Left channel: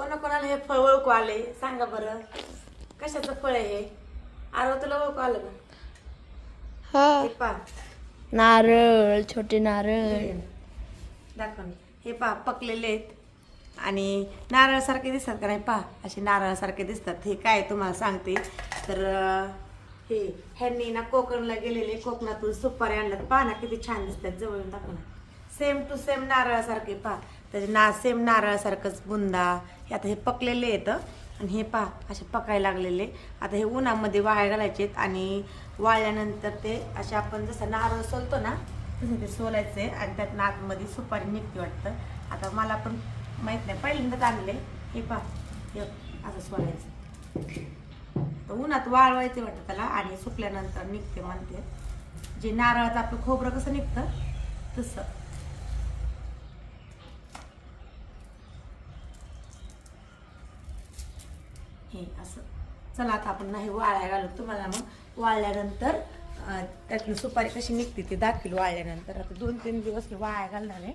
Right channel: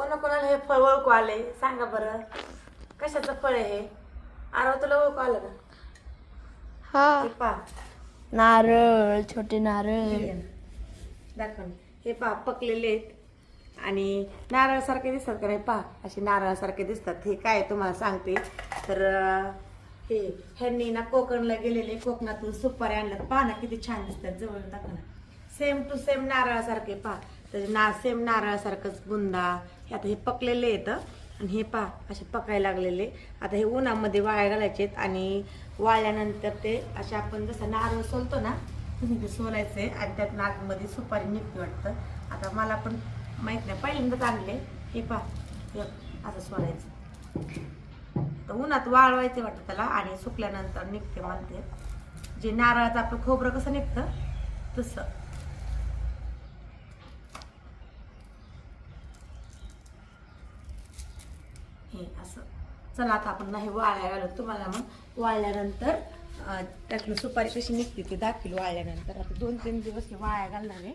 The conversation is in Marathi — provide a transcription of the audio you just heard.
कोणाकोणाला हे फळ ओळखू आले सांगा बरं, कशाचं फळ आहे हे? आरो तुला ओळखू आलं ना? हा हे पहा, नारळ, छोटे नारळ. दाखव ना. हे पहा पकलेले आहेत आणि नारळासारखे दिसतात का नाही? पहा असे नारळासारखे दिसतात. हे काय तुम्हाला सांगते तर हे ह्यांनी ना कोकणला गेलेले, कोकणातून सुपारी आणल्यात. पहा ना किती छान दिसतात, जवळून दाखव ना. सेम टू सेम नारळासारखे. पहा त्याचे सेम नारळासारखंच बुंदा. हे आता हे पकलेले आहेत आणि हे पहा असे पकायला लागलेले. आता हे उन्हामध्ये वाळ्या घालायचे आणि वाळल्यानंतर ते असे आपण जसं नारळ सोलतो ना तसं ते सोलायचे आणि त्यात नागमध्ये सुपारी निघते वाटतं. आता मला पण माहित नाही, पहिल्यांदाच आणले. हे पहा हे असं सोलायचं. तर उन्हात वाळवायचे वाटतं त्याला आणि सुकल्यानंतर निघते म्हणते. जे नारळाचं आपलं खोबरं कसं निघतं तसं. हे असं. चला आता आपण नाही वाळ्या घालू. तुम्हाला मग वाळल्यानंतर त्यातली सुपारी कशी निघते ते दाखवेल वाळल्यानंतर. आता 2-3 दिवस वाळ्या घालणार आहे.